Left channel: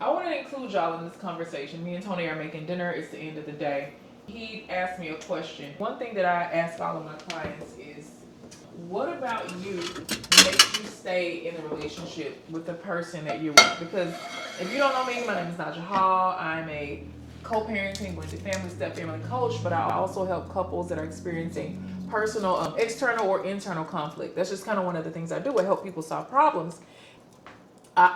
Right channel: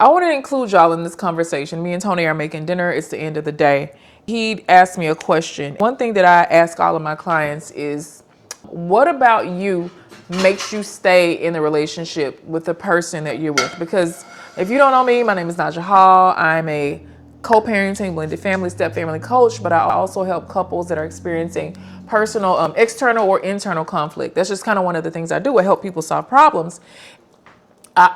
I want to include y'all in this conversation. Me and Tony are making dinner. It's the end of the day. He asked me a question. One thing that I ask all of my clients is, what about you makes you stay in the relationship with the person that you're with? Because if you don't know me, my name is Naja Hall. I'm a co-parenting, blended family, step family coach, but I also help couples that are experiencing personal, external or internal conflict. That's just kind of one of the things I do. I help people solve problems. I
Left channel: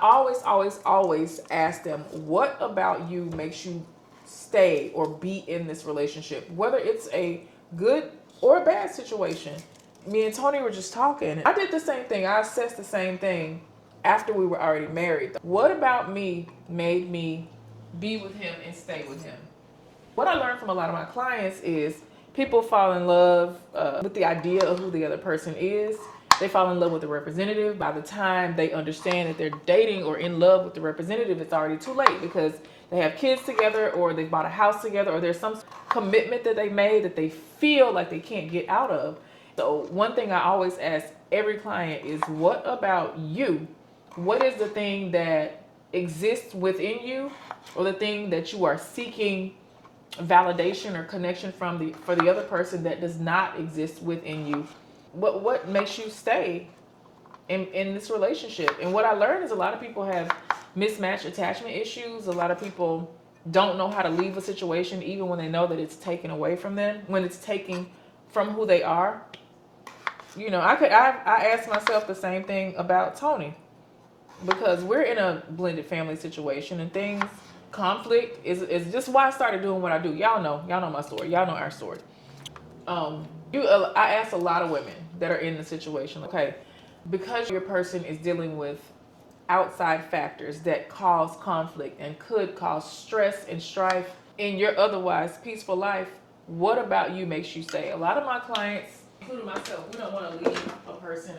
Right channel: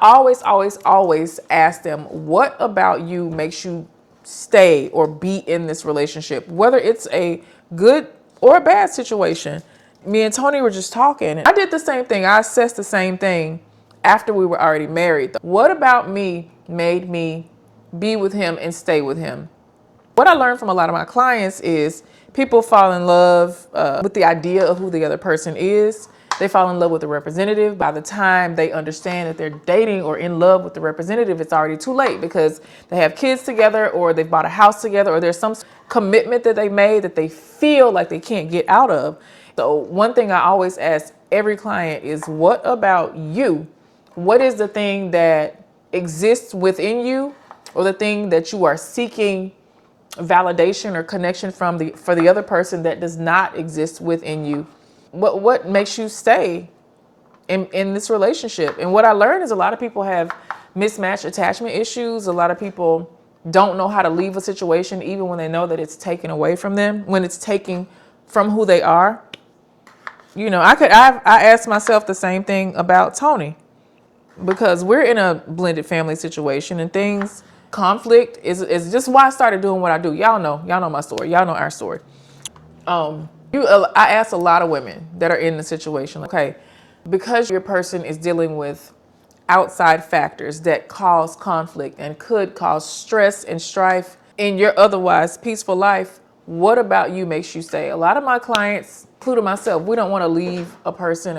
always ask them, what about you makes you stay or be in this relationship, whether it's a good or a bad situation. Me and Tony were just talking. I did the same thing. I assessed the same thing after we were already married. What about me made me be with him and stay with him? What I learned from a lot of my clients is people fall in love with the idea of who the other person is. They fall in love with the representative. By the time they understand that they're dating or in love with the representative, it's already too late because they have kids together or they've bought a house together or there's some commitment that they made that they feel like they can't get out of. So one thing I always ask every client is, what about you? What is the thing that exists within you or the thing that you are seeking validation or connection from for the other person that does not exist within you? What makes you stay in this relationship? And what I learned is a lot of people have mismatched attachment issues. A lot of people don't know how to leave a situation even when they know that it's taken away from them, when it's taken from who they are. You know, I asked myself the same thing about Tony, because we're in a blended family situation and conflict is just why I started doing what I do. Y'all know my story. Y'all know our story. I ask a lot of women that are in the situation, okay, because your person is dealing with outside factors that cause conflict and could cause stress and strife in your otherwise peaceful life, what about you makes you stay? A lot of my clients, including myself, we don't want to leave a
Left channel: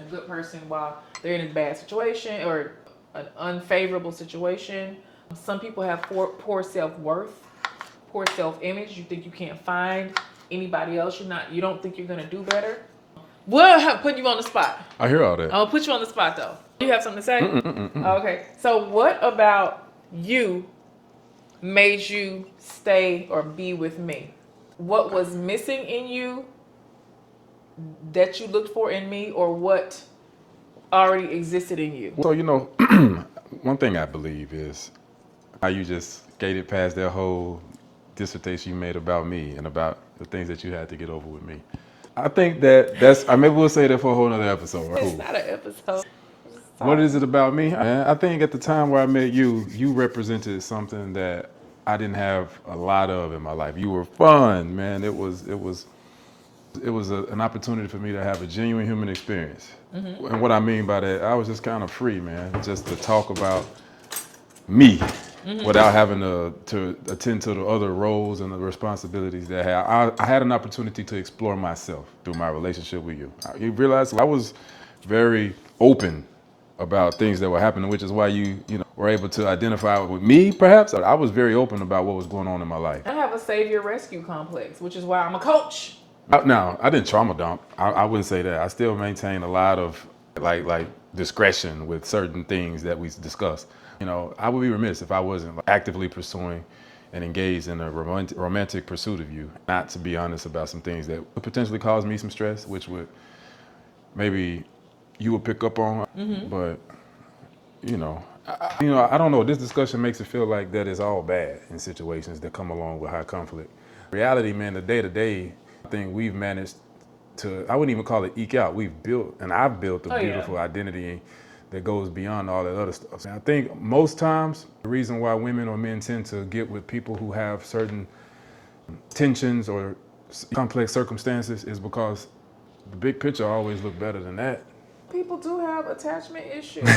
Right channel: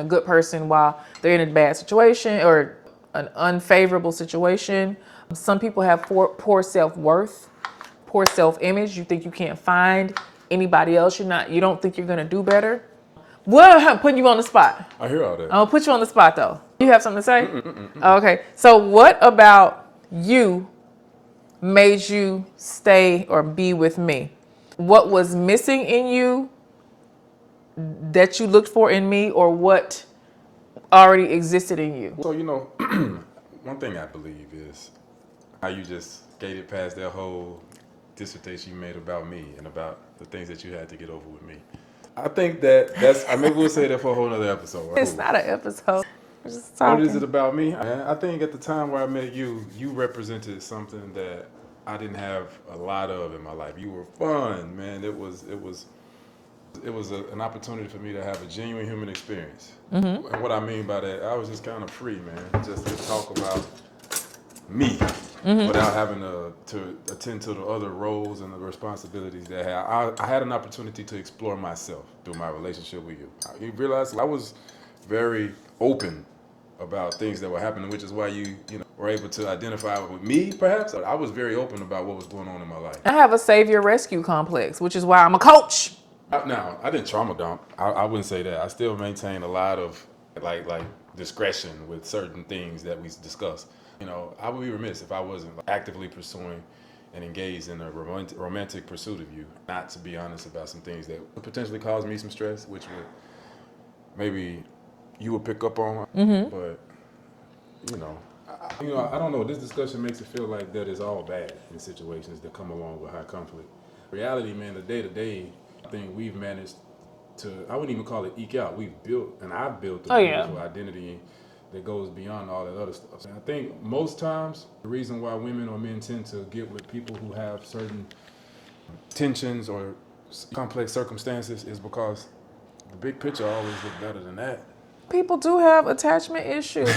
good person, while they're in a bad situation or an unfavorable situation. Some people have poor self-worth, poor self-image. You think you can't find anybody else. You don't think you're gonna do better. Well, putting you on the spot. I hear all that. I'm gonna put you on the spot though. You have something to say? Okay. So what about you made you stay or be with me? What was missing in you that you looked for in me, or what already existed in you? So, one thing I believe is how you just skated past that whole dissertation you made about me and about the things that you had to get over with me. I think maybe we'll say that for a whole nother episode. Right? It's not an episode. What is it about me? I think at the time where I met you, you represented something that I didn't have a lot of in my life. You were fun, man. It was an opportunity for me to have a genuine human experience. Mm-hmm. And what I mean by that, I was just kind of free, man, just to talk about me. Mm-hmm. Without having to attend to the other roles and the responsibilities that I had an opportunity to explore myself through my relationship with you. You realize I was very open about things that were happening, which is why you were able to identify with me, perhaps. I was very open about what was going on in my life. I have a savior rescue complex, which is why I'm a coach. Now, I didn't trauma dump. I wouldn't say that. I still maintain a lot of like discretion with certain things that we discuss. I would be remiss if I wasn't actively pursuing and engaged in a romantic pursuit of you. Not to be honest about some things that would potentially cause me some stress, which would maybe you would pick up on. Mm-hmm. But I don't know. This discussion makes it feel like that is all bad in situations that come along with high conflict. Reality, man, the day to day thing we've managed to, I wouldn't even call it eke out. I've built a beautiful identity that goes beyond all that other stuff. And I think most times the reason why women or men tend to get with people who have certain tensions or complex circumstances is because the big picture always looks better than that. People do have attachment issues.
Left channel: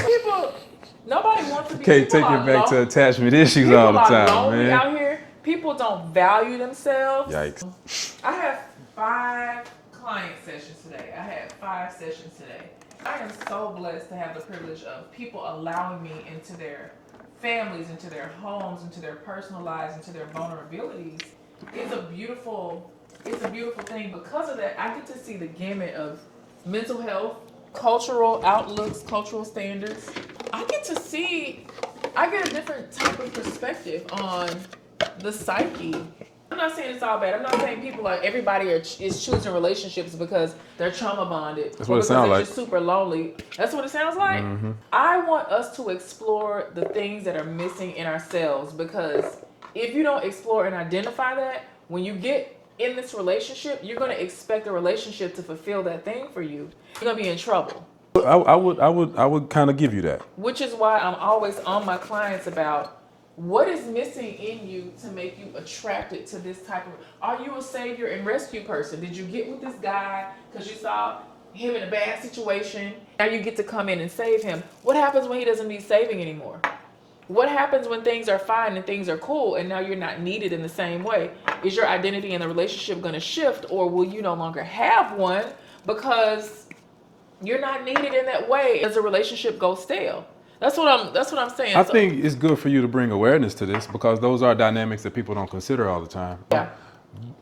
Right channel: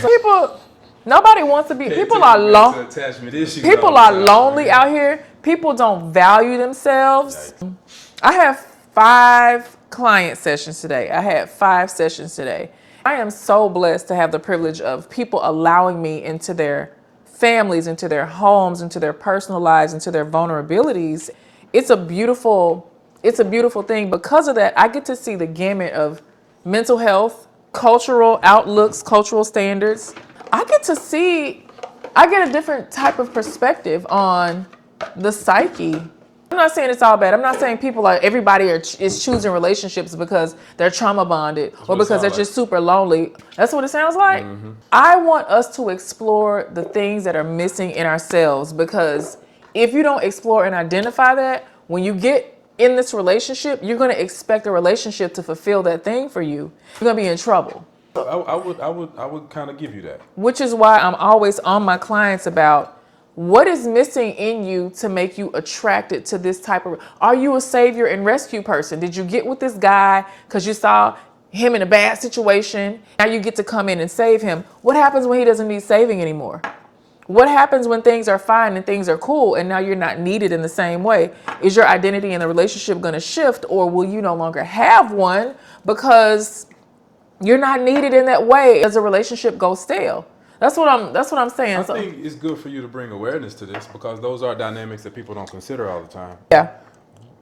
Nobody wants to be. Can't people take are it back to attachment issues. People all the are time, lonely man. out here. People don't value themselves. Yikes. I have 5 client sessions today. I had 5 sessions today. I am so blessed to have the privilege of people allowing me into their families, into their homes, into their personal lives, into their vulnerabilities. It's a beautiful thing. Because of that, I get to see the gamut of mental health, cultural outlooks, cultural standards. I get to see I get a different type of perspective on the psyche. I'm not saying it's all bad. I'm not saying everybody is choosing relationships because they're trauma bonded or because they're just super lonely. That's what it sounds like. Mm-hmm. I want us to explore the things that are missing in ourselves, because if you don't explore and identify that, when you get in this relationship, you're going to expect a relationship to fulfill that thing for you. You're going to be in trouble. I would kind of give you that. Which is why I'm always on my clients about what is missing in you to make you attracted to this type of... Are you a savior and rescue person? Did you get with this guy because you saw him in a bad situation? Now you get to come in and save him. What happens when he doesn't need saving anymore? What happens when things are fine and things are cool and now you're not needed in the same way? Is your identity in the relationship going to shift, or will you no longer have one because you're not needed in that way? Does a relationship go stale? That's what I'm saying. I think it's good for you to bring awareness to this, because those are dynamics that people don't consider all the time. Yeah.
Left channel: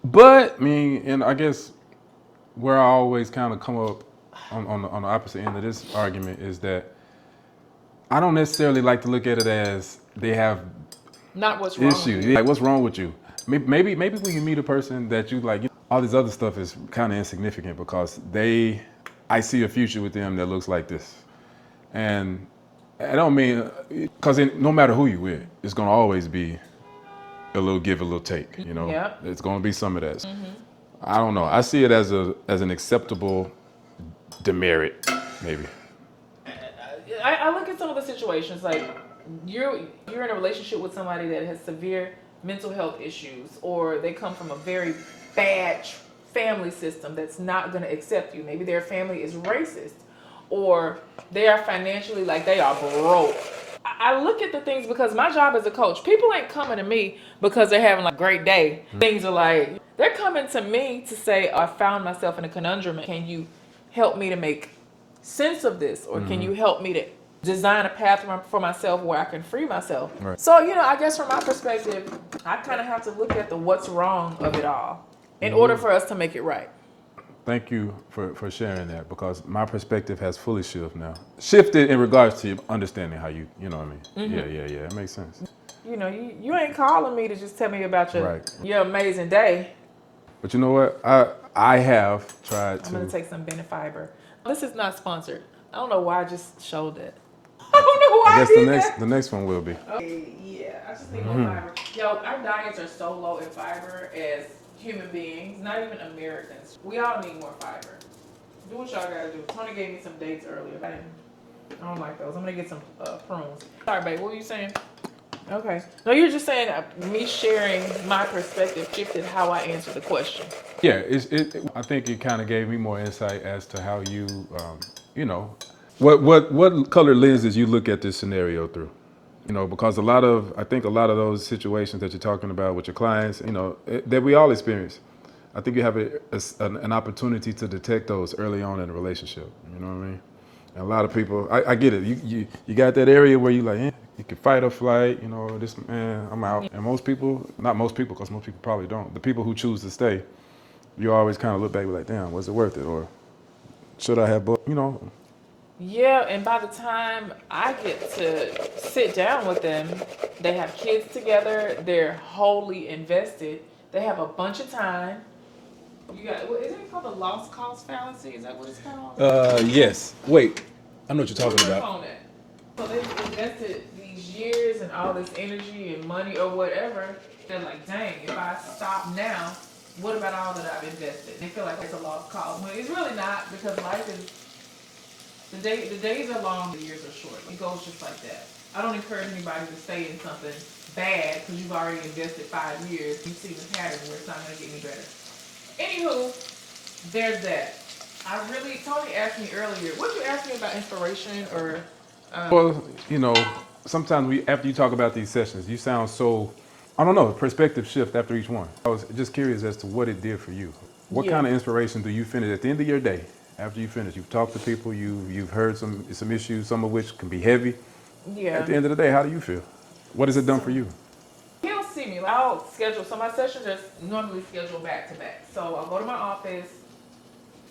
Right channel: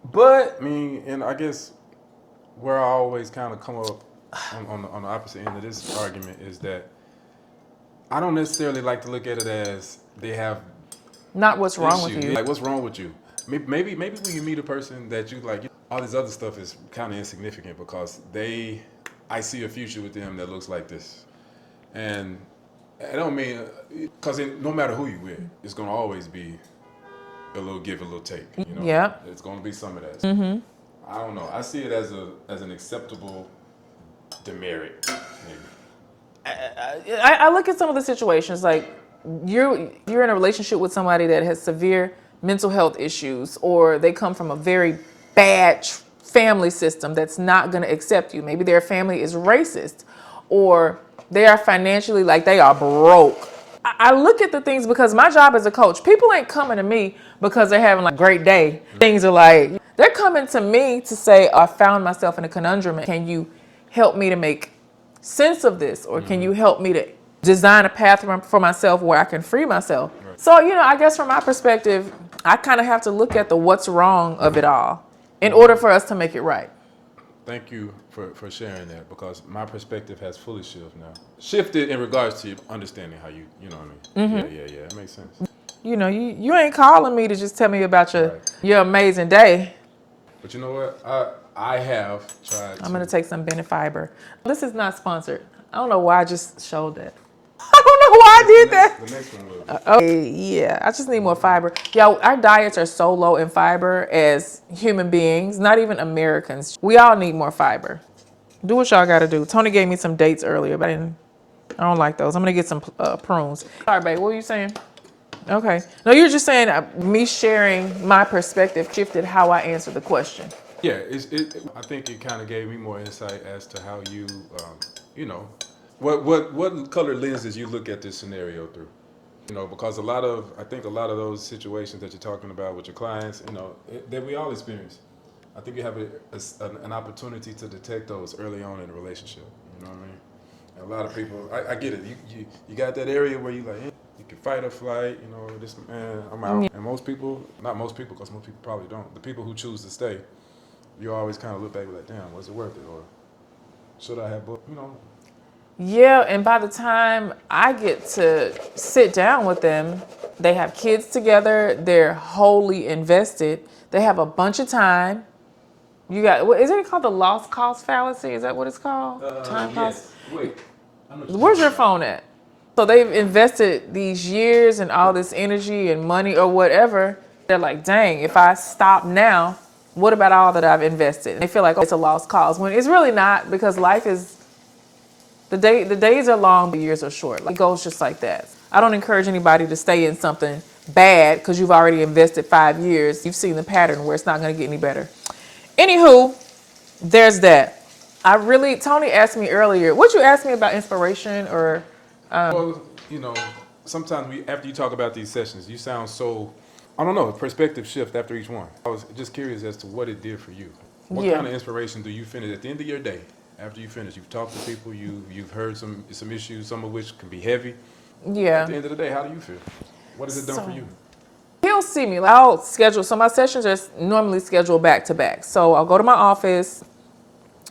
But and I guess where I always kind of come up on the opposite end of this argument is that I don't necessarily like to look at it as they have not what's wrong issues. with you. Like, what's wrong with you? Maybe when you meet a person that you like, all this other stuff is kind of insignificant, because I see a future with them that looks like this. And I don't mean, because no matter who you with, it's going to always be a little give, a little take. You know, yeah. It's going to be some of that. Mm-hmm. I don't know. I see it as an acceptable demerit, maybe. I look at some of the situations like you're in a relationship with somebody that has severe mental health issues, or they come from a very bad family system that's not going to accept you. Maybe their family is racist, or they are financially, like, they are broke. I look at the things because my job as a coach, people ain't coming to me because they're having a great day. Things are like, they're coming to me to say, I found myself in a conundrum. Can you help me to make sense of this? Or can you help me to design a path for myself where I can free myself? Right. So, I guess from my perspective, I kind of have to look at the what's wrong of it all in order for us to make it right. Thank you for sharing that, because my perspective has fully shifted in regards to understanding how you know what I mean? Mm-hmm. Yeah, it makes sense. You ain't calling me to just tell me about your amazing day. But you know what? I have tried I'm going to take some Bennett fiber. This is not sponsored. I don't know why I just showed it. I don't know why I did that. The next one will be. Okay, yeah, I just need more fiber. Yo, our diets are so low in fiber as human beings, not even Americans. We all need more fiber. Do what y'all got to do. Tony gave me some dates earlier, but I don't like those. I'm going to get some prunes. Sorry, babe, what were you saying? Okay. No, you're just saying me sharing my perspective shifted how I answered the question. Yeah, I think it kind of gave me more insight as to how you, what color lenses you look at this scenario through. Because I think a lot of those situations that you're talking about with your clients, that we all experience. I think you have an opportunity to detect those early on in a relationship. You know what I mean? And a lot of people, I get it. You got that area where you like, you can fight or flight. This man, I'm out. And most people, not most people, because most people probably don't. The people who choose to stay, you always kind of look back and be like, damn, was it worth it? Or should I have both? Yeah, and by the time I get to sit down with them, they have kids together, they're wholly invested, they have a bunch of time. You got, is it called the lost cause fallacy? Is that what it's called? Yes. Wait, I know what you're talking about. Where's your phone at? So they've invested these years and all this energy and money or whatever. They're like, dang, if I stop now, what about all that I've invested? They feel like, it's a lost cause, when it's really not, because life is, the days are long, the years are short. It goes just like that. I don't encourage anybody to stay in something bad because you've already invested 5 years. You've seen the pattern where it's not going to get any better. Anywho, there's that. Tony asked me earlier, what'd you ask me about inspiration or? Well, sometimes after you talk about these sessions, you sound so, I don't know, perspective shift after each one. I was just curious as to what it did for you. What kind of inspiration do you finish at the end of your day? After you finish, you've talked to people, you've heard some issues, some of which can be heavy. Yeah. At the end of the day, how do you feel? What has it done for you? He'll see me. I'll schedule. So my sessions are normally scheduled back to back. So I'll go to my office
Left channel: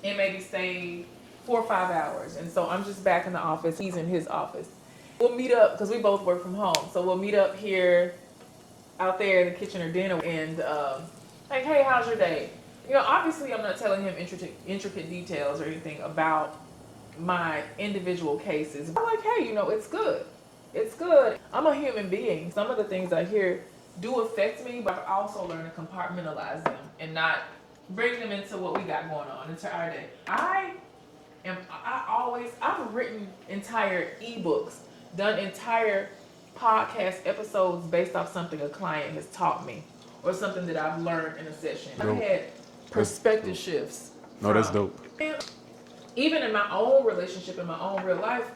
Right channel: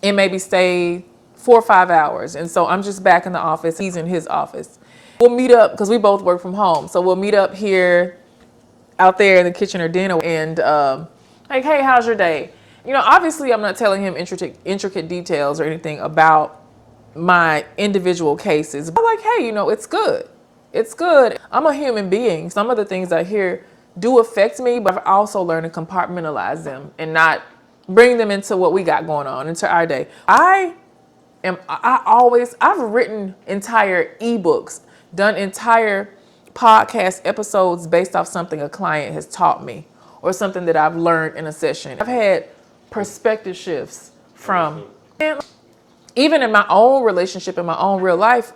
and maybe stay 4 or 5 hours. And so I'm just back in the office. He's in his office. We'll meet up because we both work from home. So we'll meet up here out there in the kitchen or dinner and like, hey, how's your day? You know, obviously I'm not telling him intricate details or anything about my individual cases. But like, hey, you know, it's good. It's good. I'm a human being. Some of the things I hear do affect me, but I've also learned to compartmentalize them and not bring them into what we got going on, into our day. I've written entire ebooks, done entire podcast episodes based off something a client has taught me or something that I've learned in a session. I've had perspective shifts from, and even in my own relationship, in my own real life,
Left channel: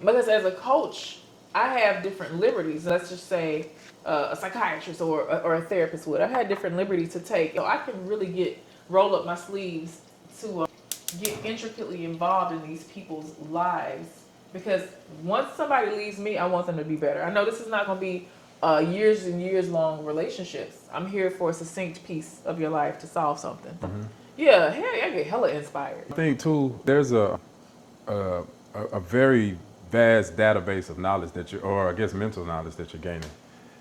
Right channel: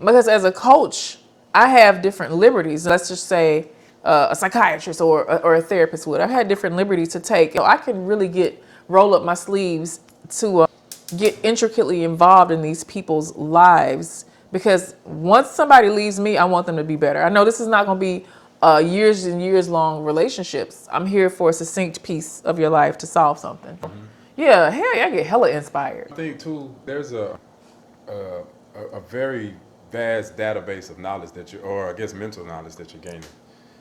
because as a coach, I have different liberties. Let's just say a psychiatrist or a therapist would. I had different liberties to take. I can really roll up my sleeves to get intricately involved in these people's lives, because once somebody leaves me, I want them to be better. I know this is not going to be years and years long relationships. I'm here for a succinct piece of your life to solve something. Mm-hmm. Yeah, hell, I get hella inspired. I think too, there's a very vast database of knowledge or I guess mental knowledge that you're gaining.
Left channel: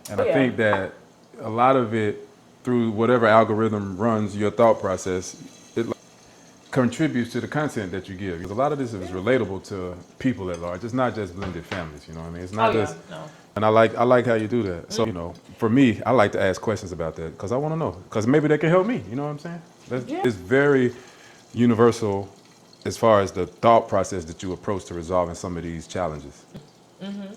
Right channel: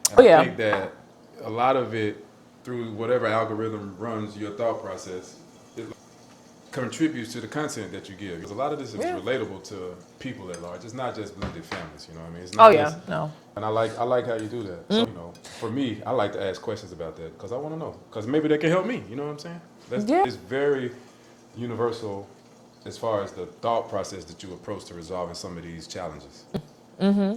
And I think that a lot of it, through whatever algorithm runs your thought process, it contributes to the content that you give. Because a lot of this is relatable to people at large. It's not just blended families, you know what I mean? It's not just, no. And I like how you do that. Mm. So, you know, for me, I like to ask questions about that because I want to know. Because maybe they can help me, you know what I'm saying? It's very universal as far as the thought process that you approach to resolving some of these challenges. Mm-hmm.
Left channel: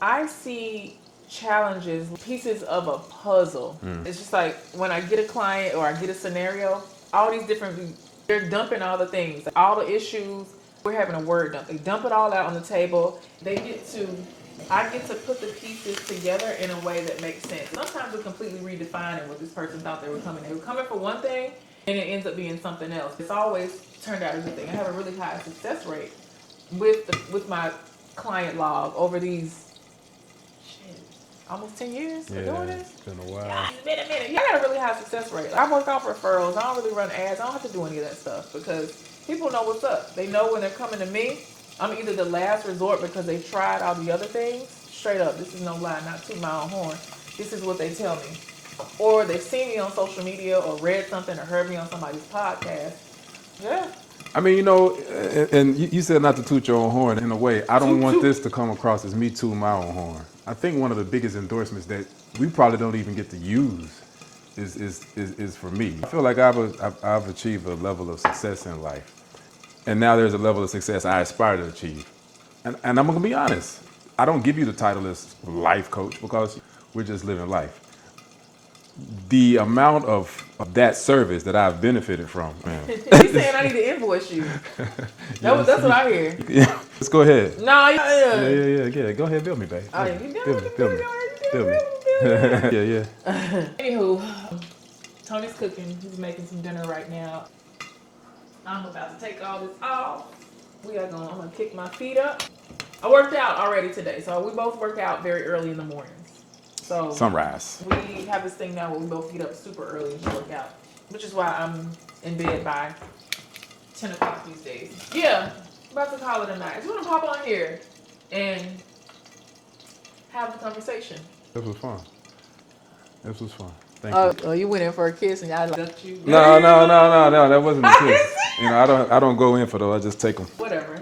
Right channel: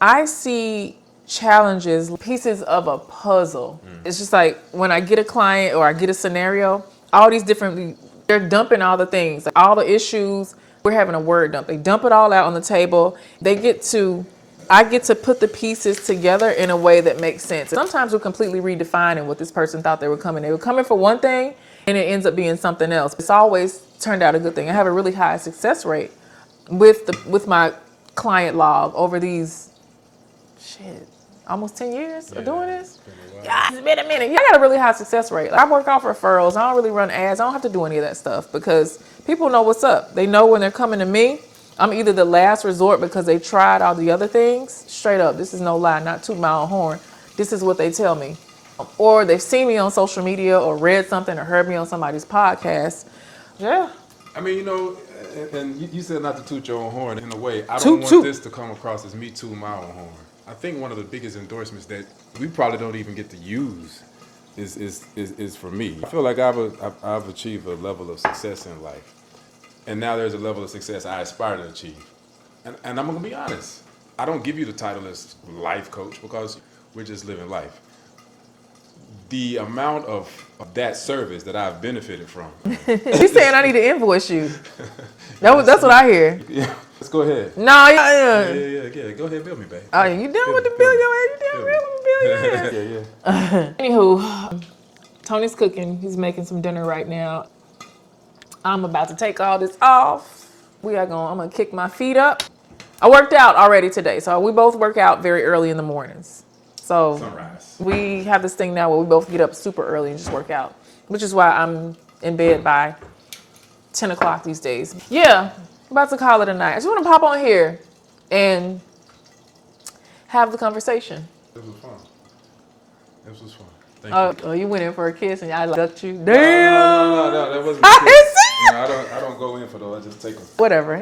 I see challenges, pieces of a puzzle. It's just like when I get a client or I get a scenario, all these different, they're dumping all the things, like all the issues. We're having a word dump. They dump it all out on the table. I get to put the pieces together in a way that makes sense. Sometimes we're completely redefining what this person thought they were coming. They were coming for one thing and it ends up being something else. It's always turned out a good thing. I have a really high success rate with my client log over these almost 10 years of doing this. It's been a minute. I got a really high success rate. I work off referrals. I don't really run ads. I don't have to do any of that stuff because people know what's up. They know when they're coming to me. I'm either the last resort because they tried all the other things. Straight up, this is no lie, not toot my own horn. This is what they tell me. Or they've seen me on social media or read something or heard me on somebody's podcast. Yeah. I mean, you know, and you said not to toot your own horn. In a way, I don't want this to come across as me tooting my own horn. I think one of the biggest endorsements that we probably don't even get to use is for me. I feel like I've achieved a level of success in life. And now there's a level of success I aspire to achieve. And I'm going to be honest. I don't give you the title as life coach because we're just living life. The amount of that service that I've benefited from. He's saying I need to invoice you. That's what I hear. Yeah, let's go ahead. No, Yeah. Go ahead, bill me, babe. Oh, you done with the bill? You done Yeah. Anywho, Tony's cooking. He's making some dinner right now. I'm about to take all this off. I'm gonna kick my feet up. I worked out already today, so we both work out very early in the mornings. So sunrise. We have this thing now where we both get up super early and just work out, which is why I'm in bed by 10 o'clock these days. Yeah, I'm about to call it a night. I just want to pop on here and have the conversation. This was fun. Thank you. Oh, you went in for a kiss and I ducked you? No, that wasn't a kiss. You know, I don't go in for those. I just take them. Whatever.